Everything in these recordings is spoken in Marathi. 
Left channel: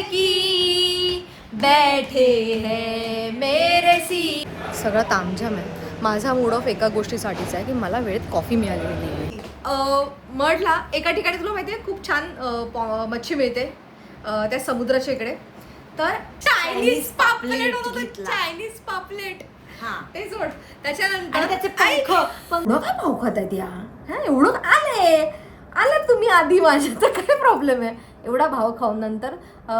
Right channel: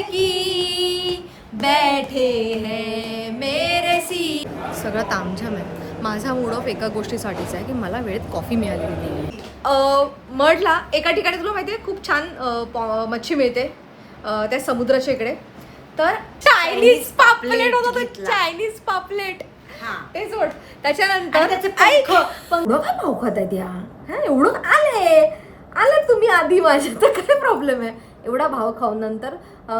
जानकी बैठे हैं मेरे सी. सगळं तामझाम आहे. माझा मूड ऑफ एका गोष्टीसाठीच आहे की मला वेळेत कॉफी मिळालेली नाही. मडला एका ठिकाणी तुला माहिती आहे खूप छान मच्छी मिळते त्या समुद्राच्या इकडे. तर चायनीज पापलेट होतं. चायनीज पापलेट ते सोड. त्याच्यानंतर त्याचे एवढं काय भाव खात आहेत या. हा एवढं आले तुम्ही आधी माझ्या तर काय प्रॉब्लेम आहे. एवढा भाव खाऊन नंतर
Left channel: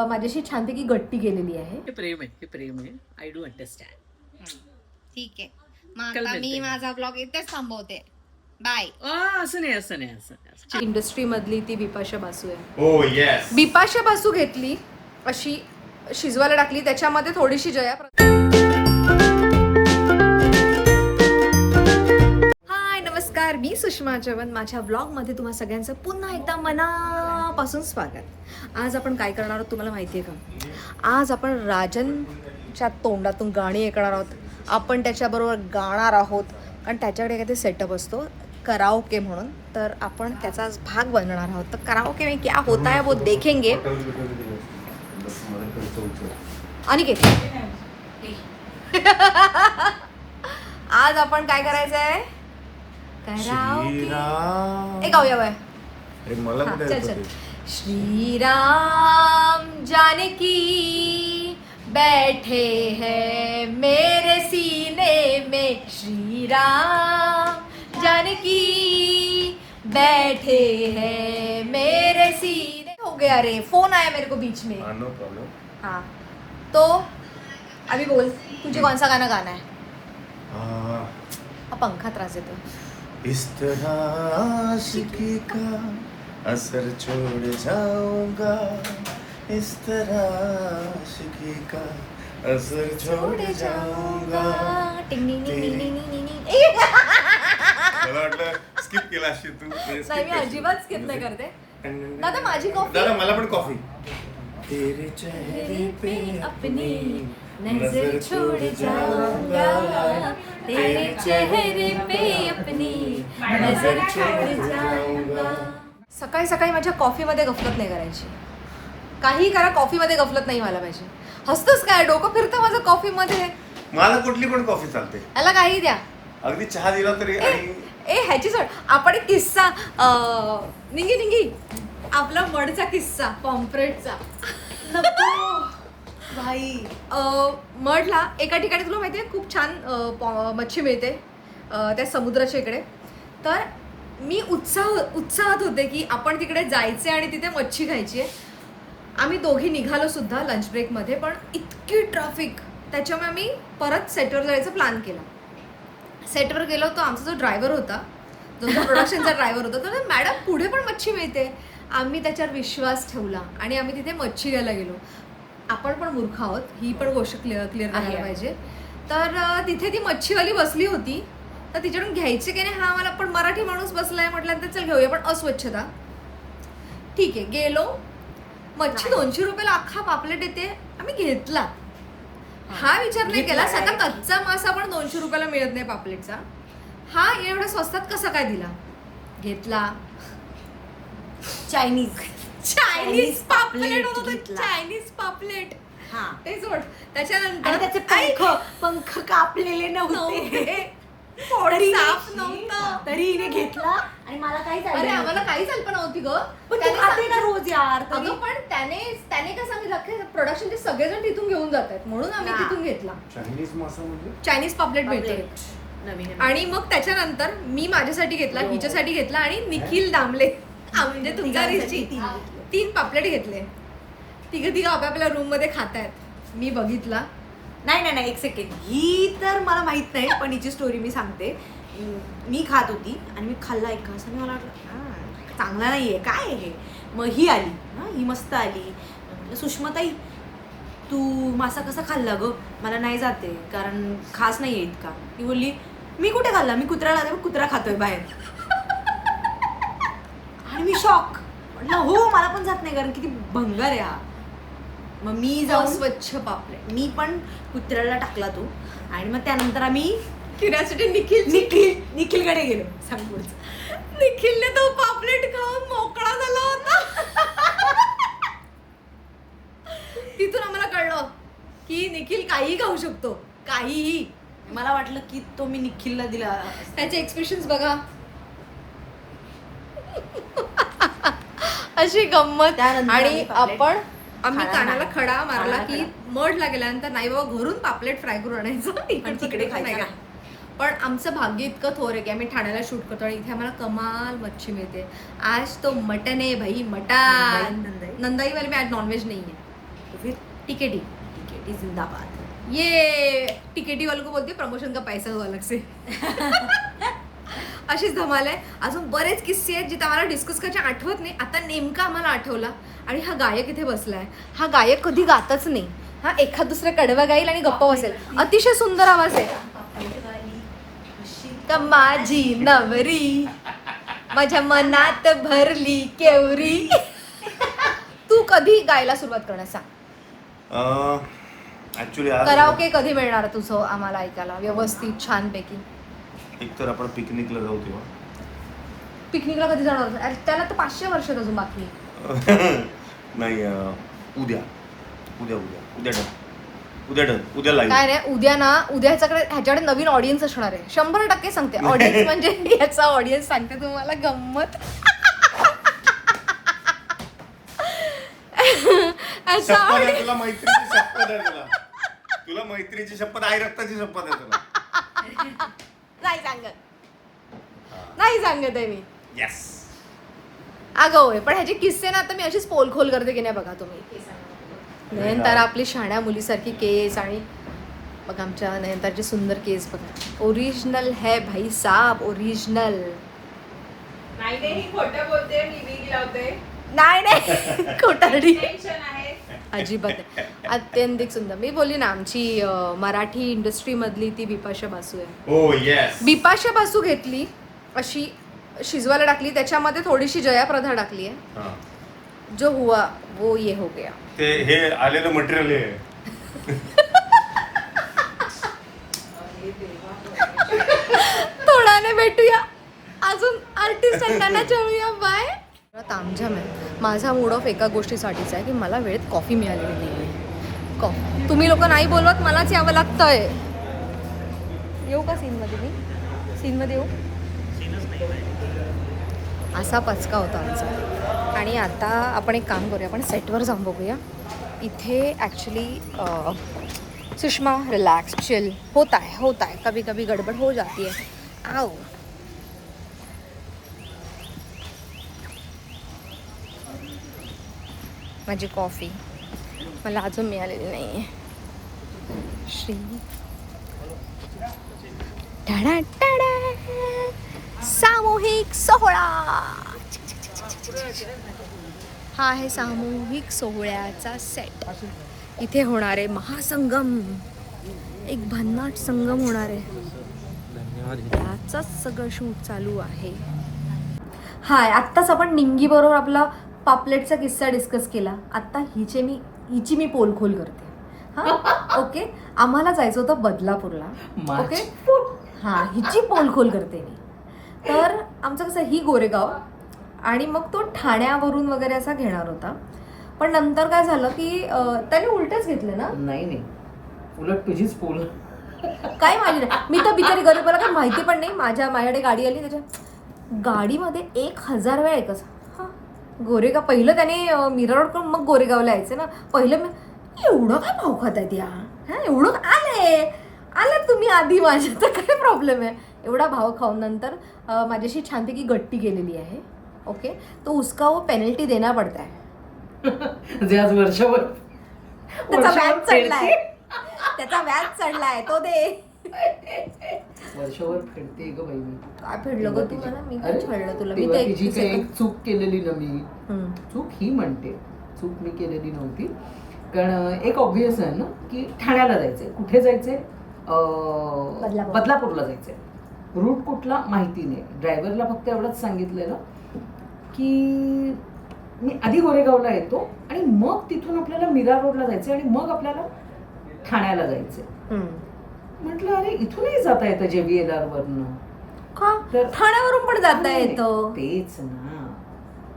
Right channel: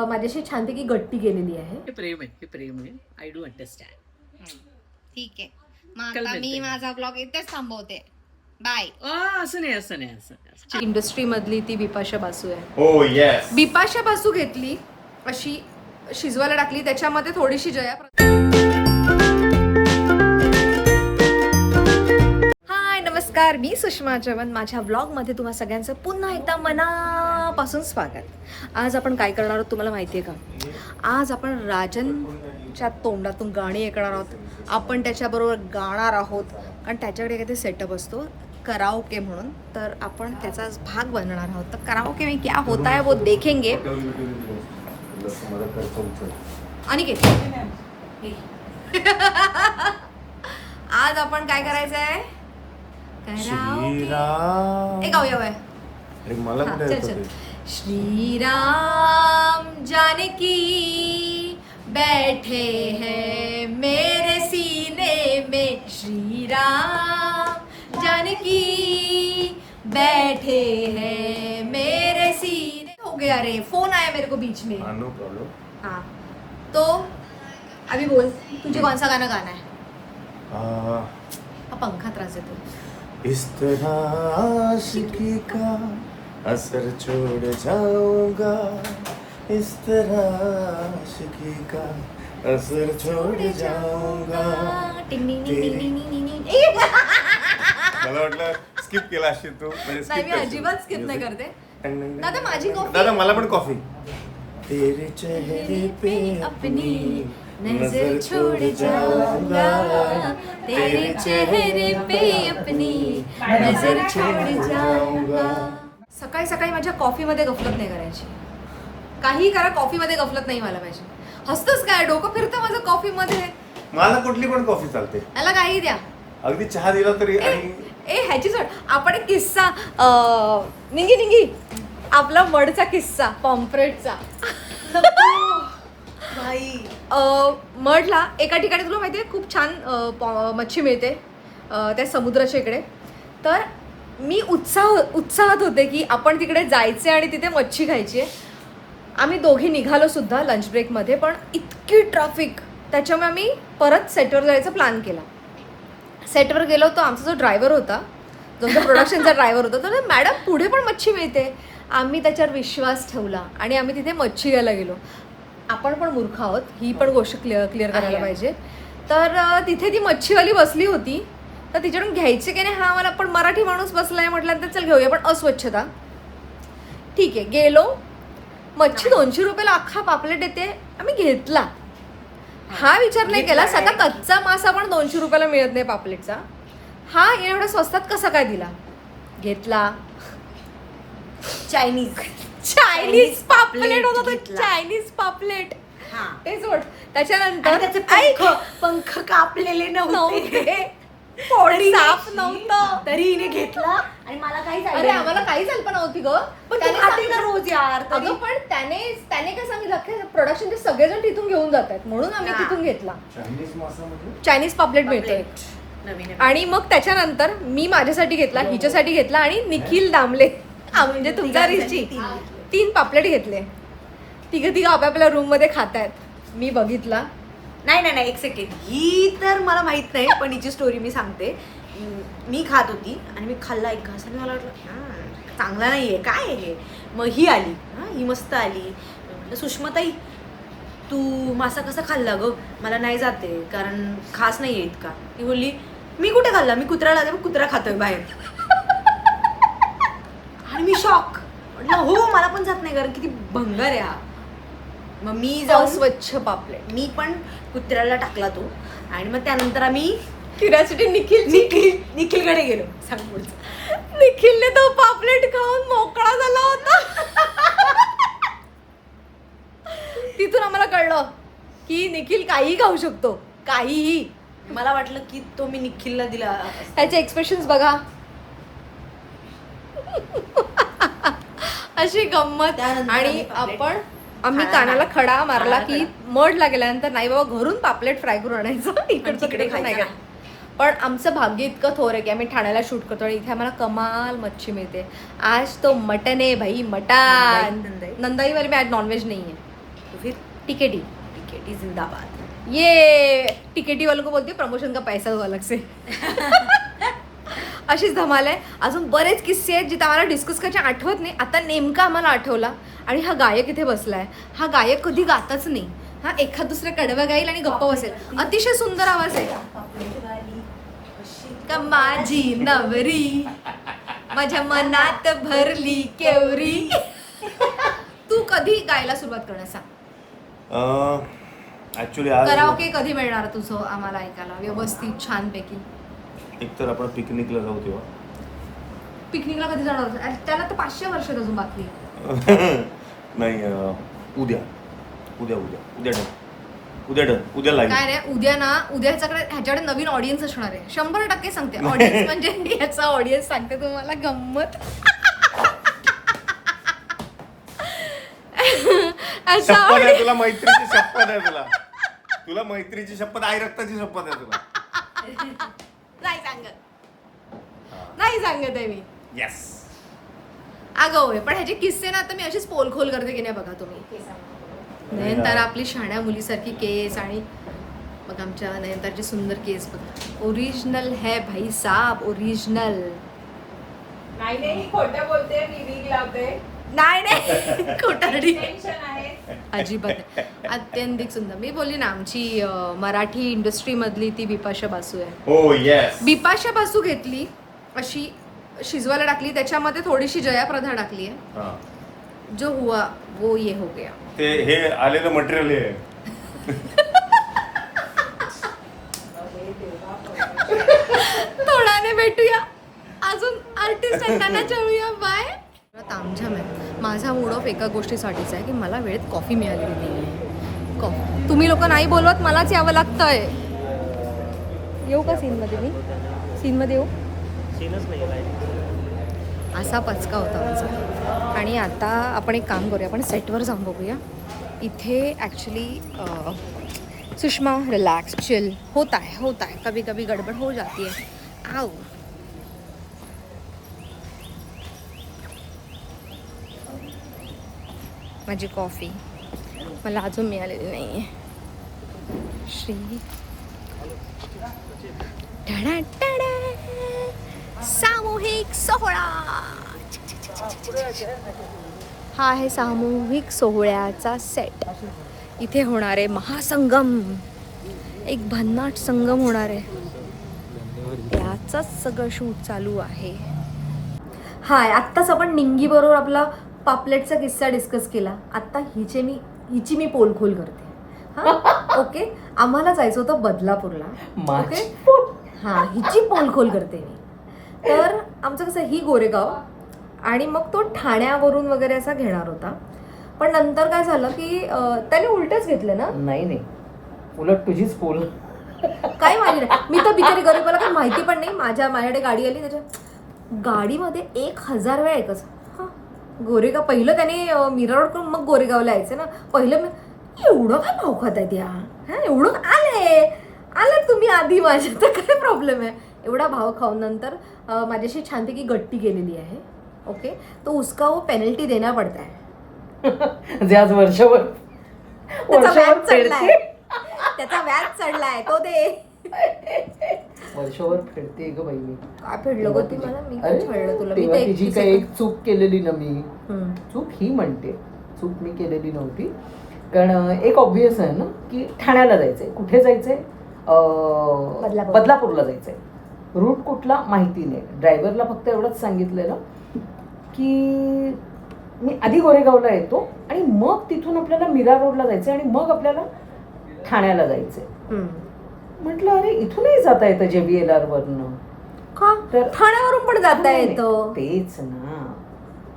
माझ्याशी छानपैकी गट्टी गेलेली आहे. प्रेम आहे. I do understand. ठीक आहे मग आता मी माझा ब्लॉग इथेच थांबवते. बाय. असं नाही. इंडस्ट्री मधली ती बिपाशा बासू आहे. हो येस. बिपाशा बासू घेतली अशी शिजवायला टाकली. त्याच्यामध्ये थोडीशी जया. हाय नमस्कार, मी सुषमा चव्हाण. माझ्या ब्लॉगमध्ये तुम्हा सगळ्यांचं पुन्हा एकदा मनापासून स्वागत. आज आपण काय करणार आहोत तुम्हाला माहिती आहे का? आज आपण राजनच्या तोंडातून गाणी ऐकणार आहोत. आपण त्याच्याबरोबर गाणार आहोत कारण त्याच्याकडे काहीतरी सेटअप असतो कराओके म्हणून. तर आपण त्याचाच भाग बनणार आहोत. तर कराओके में क्या होता है वो देखेंगे. आणि आज आपण काय करायचं आहे? कराओके गाऊया बाय. चल चल. श्रीराम जानकी बैठे हैं मेरे सीने में. श्रीराम जानकी बैठे हैं मेरे सीने. हो गया रे, फोन आया मेरे को बीच में. No problem. हाँ तो अभी बोल तुझे कौन सा गाना गाना है? पंखा त्रास देतो. इस तरह आशिकी का असर छोड़ जाऊंगा. इस तरह आशिकी का असर छोड़ जाऊंगा. मला वाटलं स्किप केला असेल तू. नाही मी अजिबात स्किप नाही करते. दादा माझी कॉफी. दादा मला पण कॉफी. तेरे चेहरे पे अपनी नजर छोड़ जाऊंगा. तेरे चेहरे पे अपनी नजर छोड़ जाऊंगा. सकाळी सकाळी माझ्या कॉफीमध्ये गफलत नाही करायची. काही करा कॉफीमध्ये गफलत नाही मला पाहिजे. हसतोस काय? डोकं फिरतं माझं कॉफीमध्ये. मला कुठली पण कॉफी चालते. याला काही द्या. अगदी चहा दिला तरी. ह्याची सोड. आपण एक किस्सा निंगी आपला मडचा किस्सा पॉम्फ्रेटचा भाई. मडला एका ठिकाणी तुला माहिती आहे खूप छान मच्छी मिळते त्या समुद्राच्या इकडे. तर मी उत्साहात होते की आपण तिकडे जायचे आणि तिथे मच्छी खायची आहे. आम्ही दोघी निघालो सुद्धा लंच ब्रेकमध्ये. पण इतकी ट्रॅफिक त्याच्यामुळे आम्ही परत सेटवर जायचा प्लॅन केला. सेटवर गेलो तर आमचा जो ड्रायव्हर होता जो प्रोडक्शनचा ड्रायव्हर होता तर मॅडम पुढे पण मच्छी मिळते. आम्ही त्याच्यावर विश्वास ठेवला आणि आम्ही तिथे मच्छी घ्यायला गेलो. आपण पण मूर्ख आहोत ही पण गोष्ट क्लिअर करायला पाहिजे. तर तिथे ती मच्छीवाली बसली होती. तर तिच्याकडून घ्यायची की नाही हा मला पण मराठी माणूस बसलाय म्हटल्यानंतर चल घेऊया. पण अस्वच्छता. ठीक आहे गेलो. मच्छी 200 रुपयाला अख्खा पापलेट येते. आम्ही घेतला. हा विचार नाही केला सगळा कच्चा मासा पण 200 रुपयाला मिळत नाही पापलेटचा. हा एवढ्या स्वस्तात कसा काय दिला? घेतला. चायनीज पापलेट होतं. चायनीज पापलेट ते सोड. त्याच्यानंतर त्याचे पंख कापलेले नव्हते. साफ नव्हतं तरी हिने घेतला आणि मला काही. अरे आम्हाला काही कल्पना नव्हती ग. पण तू खाते ना रोज यार. अगं पण त्याने कसं आम्ही प्रोडक्शनचे सगळेजण तिथून घेऊन जातात म्हणून आम्ही तिथून घेतला. चायनीज पापलेट मिळतोय नवीन. आणि मग त्याच्यानंतर मी माझ्यासाठी घेतला, हिच्यासाठी घेतला आणि निखिल दामले म्हणजे तुमच्या 3 पापलेट घेतले. तिघं आपापल्या रूम मध्ये खातायत. मी बघितला. नाही एक सेकंड. ही तर मला माहित नाही पण हिची स्टोरी मी सांगते. मी खात होती आणि मी खाल्ला एक घास आणि मला वाटलं चांगला नाहीये काय हे. मग ही आली. ही मस्त आली. म्हटलं सुषमाताई तू मासा कसा खाल्ला ग? मला नाही जाते कारण खास नाही आहे इतका. ती बोलली मी कुठे खाल्ला, मी कुत्र्याला कुत्रा खातोय बाहेर. आणि मी शॉक. म्हटलं हो मला पण जात नाही कारण किती भंगार आहे हा. मग मी जाऊन स्वच्छ पापलेट मी पण कुत्र्याला टाकला तो. आणि मग त्यानंतर आम्ही क्युरिओसिटी निखिलकडे गेलो. सांग पुढचं. निखिलने तो पापलेट खाऊन मोकळा झाला होता. की निखिल काहीही खाऊ शकतो, काहीही. मला वाटलं की तो मी निखिलला दिला. त्याचे एक्सप्रेशन्स बघा. अशी गंमत. त्यानंतर आणि आम्ही आम्ही खाणार कानाला नाही. खडा मारला की खाणार मडला गेल्यानंतर नाही बाबा घरून पापलेट फ्राय करून आणायचं, पण तिकडे खायचं नाही. पण आमचं भाग्य इतकं थोर आहे की आम्ही ठाण्याला शूट करतो आणि इथे आम्हाला कमाल मच्छी मिळते. आज तो मटन आहे भाई, मटन. नंदाई. नंदाईवाली में आज नॉनव्हेज नाही आहे. फिर टिकेटी. टिकेटी जिंदाबाद. ये टिकेटी वालों को बोलते प्रमोशन का पैसा हुआ अलग से. अशीच धमाल आहे. अजून बरेच किस्से आहेत जिथे आम्हाला डिस्कस करायचे आठवत नाही. आता नेमका आम्हाला आठवला. आणि हा गायक इथे बसलाय. हा गायक कधी गातच नाही. हा एखाद दुसरं कडवं गाईल आणि गप्प बसेल. अतिशय सुंदर आवाज आहे. का माझी नवरी माझ्या मनात भरली केवरी. तू कधी गायला सुरुवात करण्याचा? ऍक्च्युली आज कराओके कधी मिळणार तुझं आम्हाला ऐकायला व्यवस्थित छानपैकी? एक तर आपण पिकनिकला जाऊ तेव्हा. पिकनिकला कधी जाणार होतं? अरे त्याला तर 500 वर्ष अजून बाकी. नाही उद्या उद्या उद्या उद्या डन उद्या डन उद्या लाईव्ह. काय रे उद्या ना, उद्याच्याकडे ह्याच्याकडे नवीन ऑडियन्स असणार आहे 100% सांगते. ऑडियन्स म्हणजे याचा ऑडियन्स सांगते तुम्हाला गंमत. असा शपथ आहे audience- तुला, मैत्रीची शपथ आहे तुला. तुला मैत्रीची शपथ, आई रक्ताची शपथ आहे तुला. नाही सांगत आहे मी. येस. अगं होय, पण ह्याचे किस्से ना आता मी अशीच पोलखोल करते की नाही बघा तुम्ही. नयनतारा आपली शाण्या मुलीसारखी केस आणि बघा आमच्या नयनतारची सुंदर केस बघा. ओरिजिनल है भाई साहब, ओरिजिनल. नाही खोटं बोलते, टीव्ही लावते. नाही खोटारडी टेन्शन आहे. अजिबात नाही. अत्यंतिक सुंदर. मी बोलली ना आमची मराठी इंडस्ट्री मधली ती बिपाशा बासू आहे. हो येस. बिपाशा बासू घेतली अशी शिजवायला टाकली, त्याच्यामध्ये थोडीशी जया प्रदा टाकली आहे. हा. जो हुआ वो ये हो गया. ते हे आलेलं मटेरियल हे थोड्याने भेटूया. अजून आर्टिस्ट आहेत त्यांना चळूया. बाय. तामझाम आहे. माझा मूड ऑफ एका गोष्टीसाठीच आहे की मला वेळेत कॉफी मिळालेली नाही आहे. कॉफी तुम्ही लोक नाही बोलवत, मलाच यावं लागतंय. येऊ का सीनमध्ये? मी सीनमध्ये येऊ? असा पचका होता आमचा. आणि आता आपण एक काम करूया, आपण सेटवर जाऊन बघूया. इथे ॲक्च्युली सुषमा रिलॅक्स चिल होता है. कभी कभी गडबड हो जाती है. आओ. माझी कॉफी मला अजून मिळालेली नाही आहे. श्री टाडा टाडा. सामूहिक सोहळा. हा आहे सामूहिक सोहळ्याचा सेट. इथे होणार आहे महासंगम. एक भन्नाट संगम होणार आहे. त्याचंच सगळं शूट चालू आहे. हाय, आत्ताच आपण निंगी बरोबर आपला पापलेटचा किस्सा डिस्कस केला. आता हिची मी पोलखोल करते. हां ओके. आम्हाला जायचं होतं बदलापूरला. ओके हां, हिची पोलखोल करते मी. तर आमचं कसं ही गोरेगाव आणि मग तो ठाण्यावरून वगैरे असा घेणार होता. पण नंतर काय झालं की त्याने उलटच घेतलं ना. नाही उलट तुझीच पोल. काही माहिती नाही. मी तर बिचारी गरीबाला काही माहिती पण नाही. माझ्याकडे गाडी आली, त्याच्या गाडीमध्ये 1000 वेळा एकच हां गोरेगाव. पहिलं त्याने मीरा रोड करून मग गोरेगावला यायचं ना. पहिलं मी एवढं काय भाव खात आहेत या. हां एवढं आले तुम्ही आधी माझ्या, तर काय प्रॉब्लेम आहे. एवढा भाव खाऊन नंतर माझ्याशी छानपैकी गट्टी केलेली आहे. ओके, तो उसका वो पेनल्टी देना पडता है. जे आज वर्षभर त्याचा व्याज चढलाय. त्याचा व्याज चढलाय तो दे. वर्षभर फेडते ग बाई मी. काय फेडलं ग तू मला? मी काय छळलं तुला? मी तेव्हा तर तिची काही एक चूक केलेली ना मी. हम्म. चूक ही म्हणते, चूक मी केलेली नव्हती. कारण एक ऑब्विस आहे ना की ठाण्याला जायचंय. कुठे जायचंय? बदलापूरला जायचंय. रूट कुठला माहिती नाही. ड्रायव्हरला फक्त एवढंच सांगितलेलं की मी आधी गोरेगावला येतो आणि मग तिथून आपल्याला मीरा रोडला जायचं आणि मग आपल्याला ठाण्याला जायचंय. म्हटलं अरे इथूनही जाता येतं JBLR वरनं. का? ठाण्यावरून पण जाता येतं. तेच ना.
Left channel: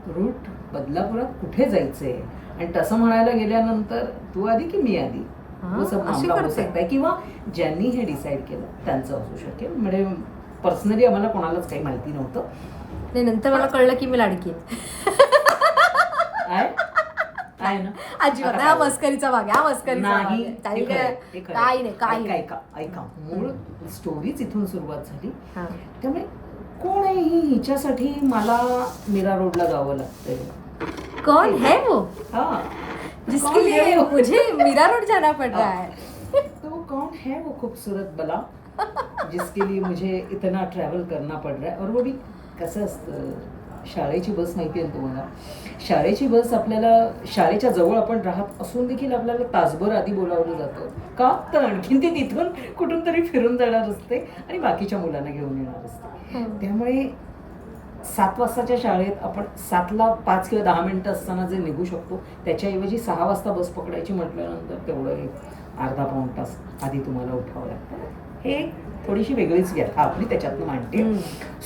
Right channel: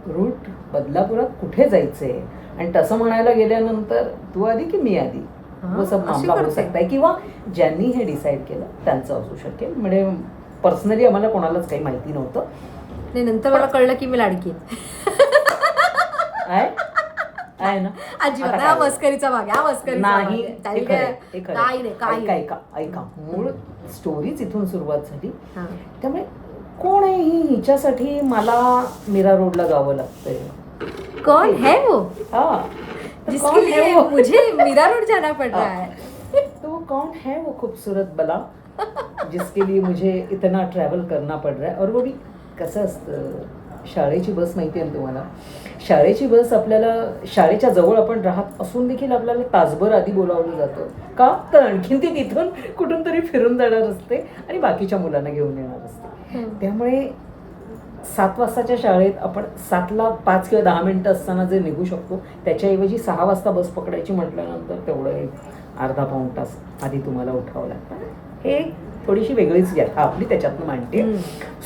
रूट बदलापुरात कुठे जायचंय. आणि तसं म्हणायला गेल्यानंतर तू आधी की मी आधी? हाँ, वो सब अशी मामला हो करते. सकता है किंवा ज्यांनी हे डिसाईड केलं त्यांचं असू शकेल. म्हणजे पर्सनली आम्हाला कोणालाच काही माहिती नव्हतं. नाही नंतर मला कळलं की मी लाडकी आहे. आहे ना अजिबात आता नाही, हा काय? मस्करीचा भाग आहे, हा मस्करीचा भाग नाही आहे. ते चालेल खरं काय? आहे, ते खरं काही आहे. नाही काही नाही. ऐका मूळ स्टोरीच इथून सुरुवात झाली. हा. त्यामुळे कोण आहे ही, हिच्यासाठी मला मीरा रोडला जावं लागतंय. कौन है वो हा जिसके कौन लिए है वो? मुझे मीरा रोड जाना पड़ रहा है? तो वो कौन है वो खूबसूरत बला जिसके लिए मुझे इतना ट्रॅव्हल करना पड़ रहा है. और वो भी कसं असतं, शाळेची बस माहिती आहे ना तुम्हाला, शाळेची बस आपल्याला शाळेच्या जवळ आपण राहत असून देखील आपल्याला तासभर आधी बोलावलं जातं. का तर आणखीन ती तिथून कुठून तरी फिरून जाणार असते आणि बाकीच्या मुलांना घेऊन येणार असते. त्यामुळे 7 वाजताच्या शाळेत आपण 7ला 5 किंवा 10 मिनिटं असताना जे निघू शकतो त्याच्याऐवजी 6 वाजता बस पकडायची म्हटल्यानंतर तेवढं एक अर्धा पाऊण तास आधी तुम्हाला उठावं लागतं. हे थोडीशी वेगळीच व्यथा आपली त्याच्यातनं मांडते.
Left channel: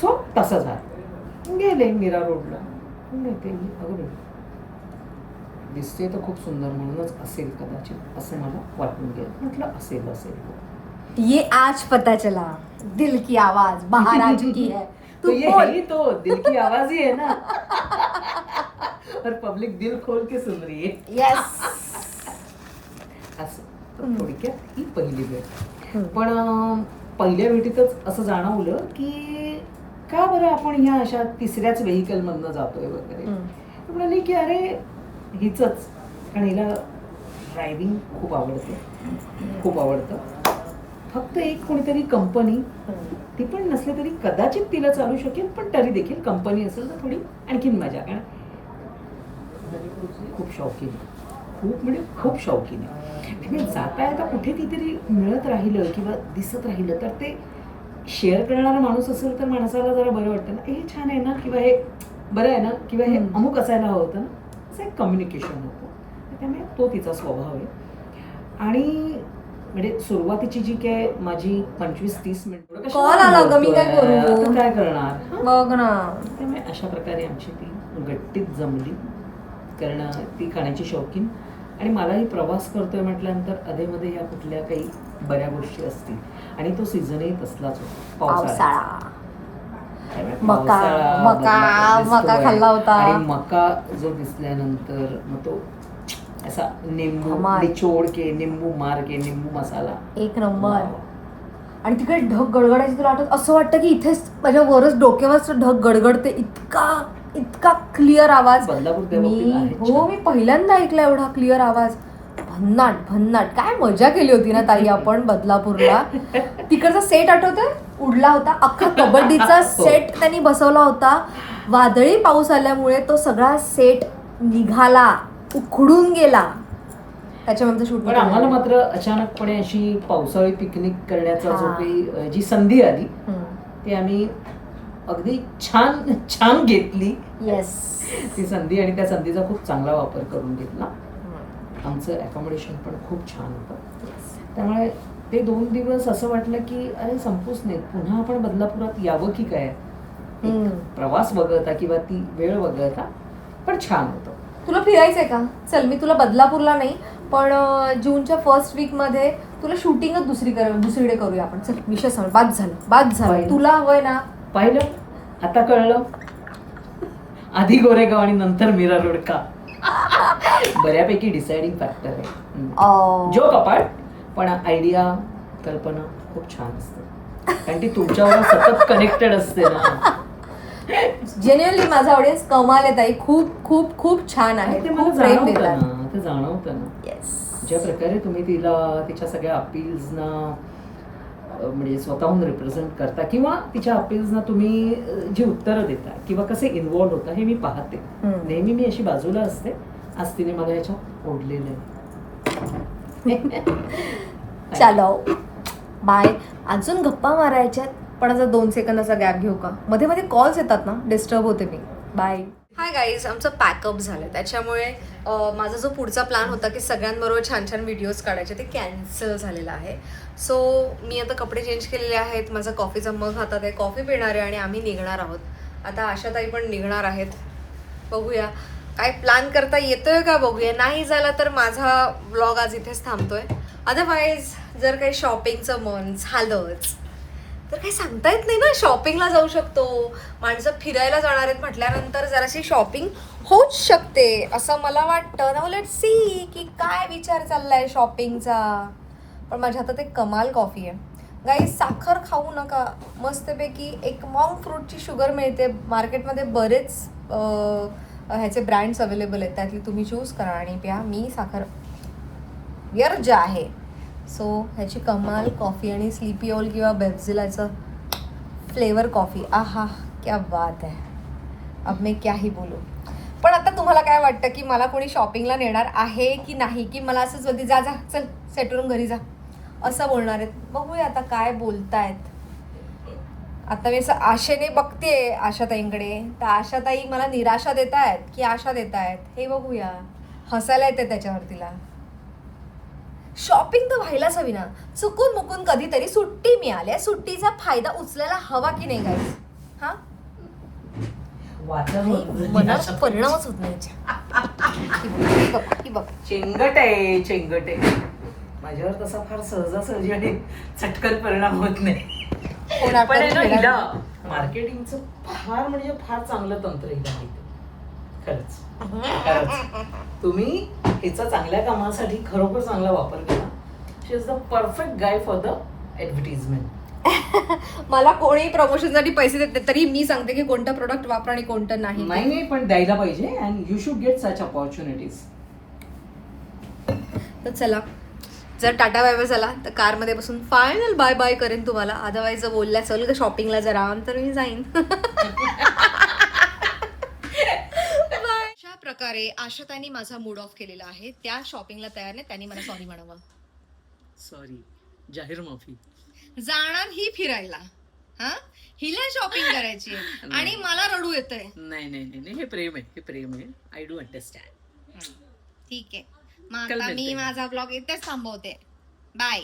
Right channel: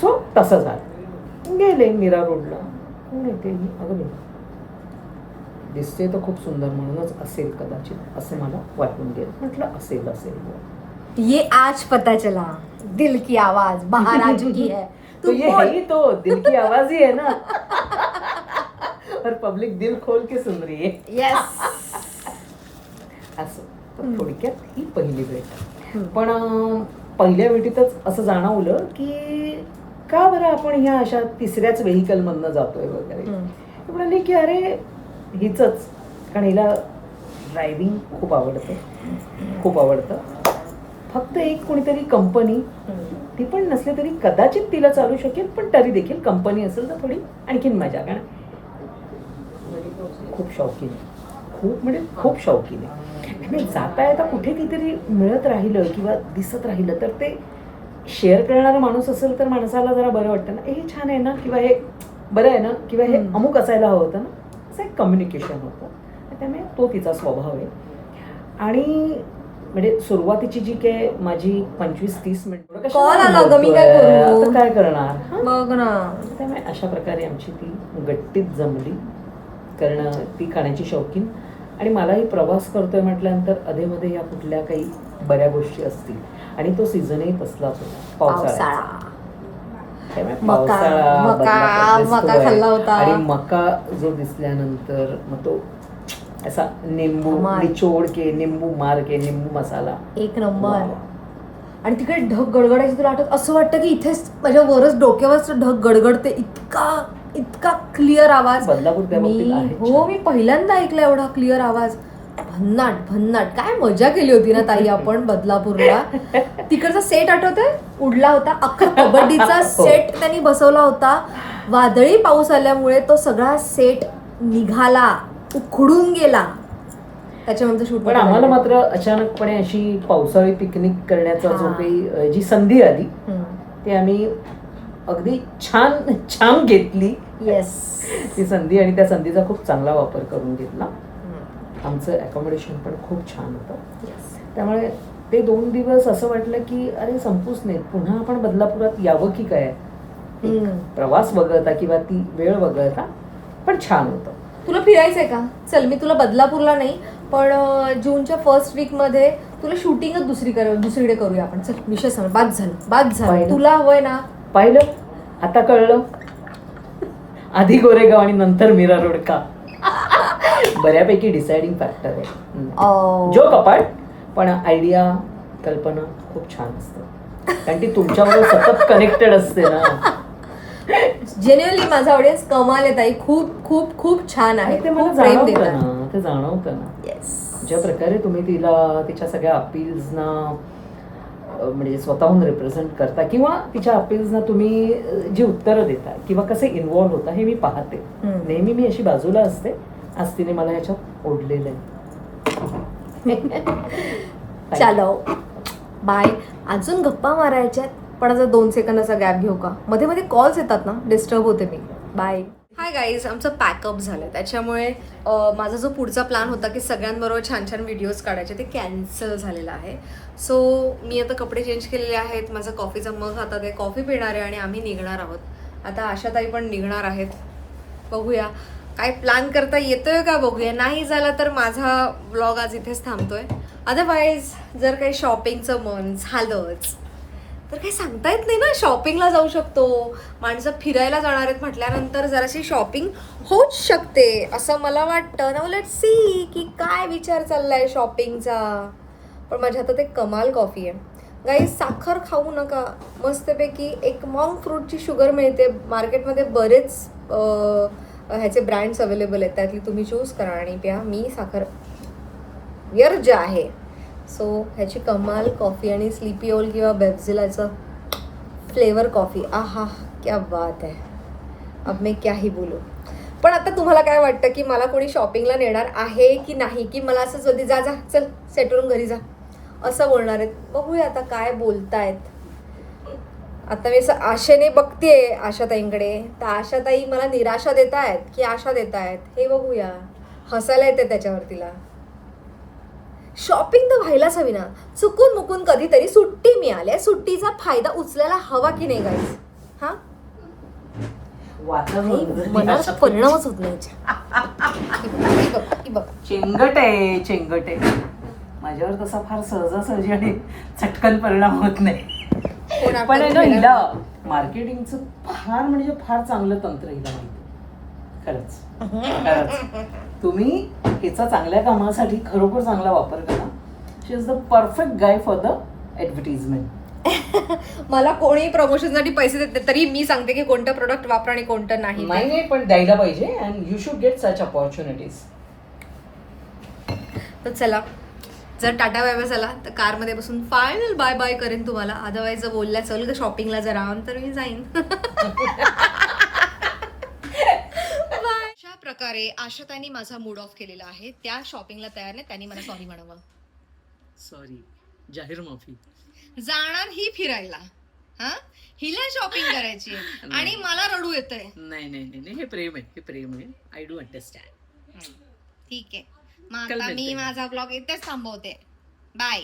सो तसं झालं. गेले मीरा रोडला. येते मी, अगं बाई, दिसते तर खूप सुंदर म्हणूनच असेल कदाचित असं मला वाटून गेलं. म्हटलं असेल. ये आज पता चला, दिल की आवाज बाहर आ चुकी है. तो तू ये बोल. है ही तो दिल की आवाज ही है ना. और पब्लिक दिल खोल के सुन रही है. येस. असं तर थोडक्यात ही पहिली भेट. पण पहिल्या भेटीतच असं जाणवलं की का बरं आपण ह्या अशा तिसऱ्याच व्हेकलमधनं जातोय वगैरे. तर म्हणाली की अरे हिचंच, कारण हिला ड्रायव्हिंग खूप आवडतं. फक्त एक कोणीतरी कंपनी, ती पण नसली तरी कदाचित तिला चालू शकेल, पण तरी देखील कंपनी असेल तर थोडी आणखीन मजा. कारण खूप शौकीन आहे, खूप शौकीन आहे. आणि जाता येता कुठे कितीतरी मिळत राहिलं किंवा दिसत राहिलं तर ते शेअर करणारा माणूस असेल तर माणसाला जरा बरं वाटतं ना. हे छान आहे ना, किंवा हे बरं आहे ना, किंवा हे अमुक असायला हवं होतं ना, असं एक कम्युनिकेशन होतं. त्यामुळे तो तिचा स्वभाव आहे. आणि म्हणजे सुरुवातीची जी काय माझी 25-30 मिनिट कॉल आला ग, मी काय करू? काय करणार बघ ना. त्यामुळे अशा प्रकारे आमची ती गट्टीत जमली. कारण ती खाण्याची शौकीन आणि मलाही प्रवास करतोय म्हटल्यानंतर अधेमध्ये या कुठल्या काही बऱ्या गोष्टी असतील. आणि तो सीझनही तसलाच होता, पावसाळा. त्यामुळे मका पावसाळा, मका बदलापूर मका दिसतोय. खाल्ला होता. आणि मका जो दिसल्यानंतर मग तो असा निंबू हमाल. निचोड के, निंबू मार के, निंबू मसाला. एक नंबर. आणि तिकडे ढग गडगडायची तुला आठवत, असं वाटतं की इथेच माझ्या वरच डोक्यावरच ढग गडगडते. इतका क्लिअर आवाज. बदलापूर त्या बाबतीत आहे हो, छान. मी पहिल्यांदा ऐकला एवढा क्लिअर आवाज. भन्नाट. काय मजा केली होती ना ताई आपण बदलापूरला. तिकडचा सेट आठवतोय, उडला होता अख्खा कबड्डीचा सेट त्यांनी बसवला होता. वादळी पाऊस आल्यामुळे तो सगळा सेट निघाला, उखडून गेला. त्याच्यानंतर शूट. पण आम्हाला मात्र अचानकपणे अशी पावसाळी पिकनिक करण्याचा जो हा. काही जी संधी आली ती आम्ही अगदी छान घेतली. येस. ती संधी, आणि त्या संधीचा खूप चांगला वापर करून घेतला. आमचं अकोमोडेशन पण खूप छान होतं. त्यामुळे ते 2 दिवस असं वाटलं की अरे संपूच नाहीत, पुन्हा आपण बदलापुरात यावं की काय. प्रवास वगळता किंवा ती वेळ वगळता पण छान होतं. तुला फिरायचंय का? चल, मी तुला बदलापूरला नाही पण जूनच्या फर्स्ट वीक मध्ये तुला शूटिंगच दुसरीकडे करूया आपण. चल, विषय सांग. बाद झालं पाहिलं. तुला हवंय ना. पाहिलं, आता कळलं. आधी गोरेगाव आणि नंतर मीरा रोड का. बऱ्यापैकी डिसाइडिंग फॅक्टर आहे. जो कपाट, पण आयडिया, कल्पना खूप छान असते. कारण ती तुमच्यावर सतत कनेक्टेड असते ना. जेन्युअनली माझा ऑडियन्स कमाल आहे ताई. खूप खूप खूप छान आहे. ते मला खूप प्रेम जाणवतं देतात. ना, ते जाणवतं ना. येस. ज्या प्रकारे तुम्ही तिला तिच्या सगळ्या अपील्सना म्हणजे स्वतःहून रिप्रेझेंट करता किंवा तिच्या अपील्सना तुम्ही जी उत्तरं देता किंवा कसे इन्व्हॉल्व्ह होता हे मी पाहते. नेहमी मी अशी बाजूला असते. आज तिने मला याच्यात ओढलेलं आहे. चलो बाय. अजून गप्पा मारायच्यात पण आता 2 सेकंदाचा गॅप घेऊ का? मध्ये मध्ये कॉल्स येतात ना, डिस्टर्ब होते मी. बाय. हाय गाईज, आमचं पॅकअप झालं. त्याच्यामुळे माझा जो पुढचा प्लॅन होता की सगळ्यांबरोबर छान छान व्हिडिओज काढायचे ते कॅन्सल झालेला आहे. सो मी आता कपडे चेंज केलेले आहेत. माझा कॉफीचा मग हातात आहे, कॉफी पिणार आहे आणि आम्ही निघणार आहोत. आता आशाताई पण निघणार आहेत. बघूया काय प्लॅन करता येतोय का, बघूया. नाही झाला तर माझा व्लॉग आज इथेच थांबतोय. अदरवाईज जर काही शॉपिंगचं मन झालंच तर काही सांगता येत नाही ना. शॉपिंगला जाऊ शकतो, माणसं फिरायला जाणार आहेत म्हटल्यानंतर जराशी शॉपिंग होऊच शकते असं मला वाटतं. नाऊ लेट्स सी की काय विचार चाललाय शॉपिंगचा. पण माझ्या हातात एक कमाल कॉफी आहे गाईस. साखर खाऊ नका, मस्तपैकी एक मॉन्क फ्रूटची शुगर मिळते मार्केटमध्ये. बरेच ह्याचे ब्रँड्स अवेलेबल आहेत, त्यातली तुम्ही चूज करा आणि प्या. मी साखर व्यर्ज आहे, सो ह्याची कमाल कॉफी आणि स्लीपी ओल किंवा बेब्झिलाचं फ्लेवर कॉफी, आहा क्या बात आहे. अब मैं क्या ही बोलू. पण आता तुम्हाला काय वाटतं की मला कोणी शॉपिंगला नेणार आहे की नाही, की मला असंच बोलते जा जा चल सेट करून घरी जा असं बोलणार आहेत. बघूया आता काय बोलतायत. आता मी असं आशेने बघतेय आशाताईंकडे, तर आशाताई मला निराशा देत आहेत की आशा देत आहेत हे बघूया. हसायला येते त्याच्यावर तिला. शॉपिंग तर व्हायलाच हवी ना. चुकून मुकून कधीतरी सुट्टी मिळाली, सुट्टीचा फायदा उचलायला हवा की नाही गाईस. हा मनावर परिणामच होत नाही की बघ. चेंगट आहे. माझ्यावर तसा फार सहजासहजी आणि चटकन परिणाम होत नाही. पण मार्केटिंगचं फार म्हणजे फार चांगलं तंत्र हिला माहिती. खरंच तुम्ही हिचा चांगल्या कामासाठी खरोखर चांगला वापर करा. She is the perfect guy for the advertisement. मला कोणी प्रमोशनसाठी पैसे देते तरी मी सांगते की कोणतं प्रोडक्ट वापरा आणि कोणतं नाही. नाही पण द्यायला पाहिजे and you should get such opportunities. तर चला, जर टाटा बाय बाय झाला तर कारमध्ये बसून फायनल बाय बाय करेन तुम्हाला. अदरवाईज जर बोलल्या चल ग शॉपिंगला जरा तर मी जाईन. अशा प्रकारे आशाताईंनी माझा मूड ऑफ केलेला आहे. त्या शॉपिंगला तयार नाही, त्यांनी मला सॉरी म्हणावं. सॉरी, जाहीर माफी. जाणार ही फिरायला, हा हिला शॉपिंग करायची आणि मला रडू येतंय. नाही हे प्रेम आहे. I do understand. ठीक आहे, मग आता मी माझा ब्लॉग इथेच थांबवते. बाय.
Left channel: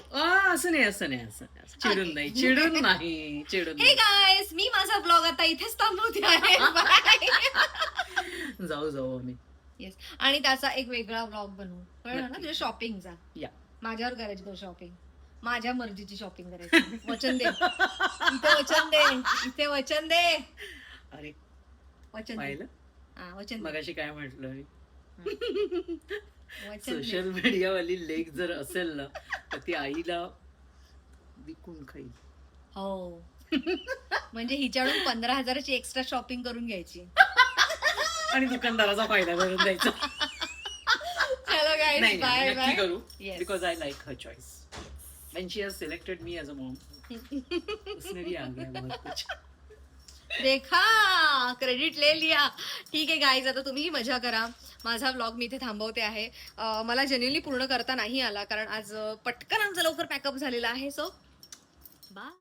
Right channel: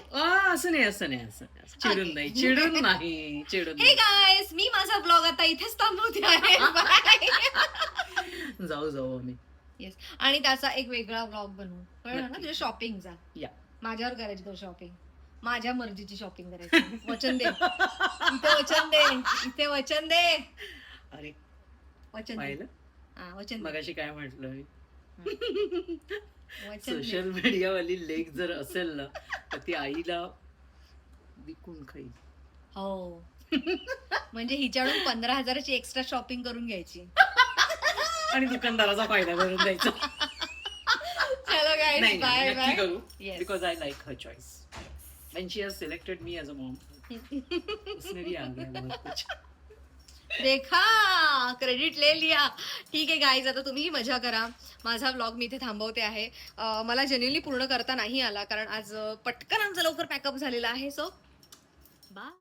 असं नाही चिडून नाही. हे गाईस, मी माझा ब्लॉग आता इथेच थांबवते आहे. जाऊ आम्ही. येस, आणि त्याचा एक वेगळा ब्लॉग बनवू, कळलं ना तुझ्या शॉपिंगचा. या माझ्यावर करायची तो शॉपिंग, माझ्या मर्जीची शॉपिंग करायची. वचन दे, इथे वचन दे. अरे वचन पाहिलं वचन दे. मगाशी काय म्हटलं. वचन दे. सोशल मीडियावाली लेख जर असेल ना तर ती आईला विकून खाईल. हो. म्हणजे हिच्याकडून 15,000ची एक्स्ट्रा शॉपिंग करून घ्यायची आणि दुकानदाराचा फायदा भरून द्यायचा. चलो गाईस, बाय नक्की बाय. करू because I like her choice. When she has selected me as a mom, उसमें भी आ गया बहुत कुछ. देखा, क्रेडिट ले लिया. ठीक आहे गाईज, आता तुम्ही मजा करा. माझा व्लॉग मी इथे थांबवते आहे. मला जेन्युइनली पूर्ण करता नाही आला कारण आज पटकन आमचा लवकर पॅकअप झालेला आहे. So bye.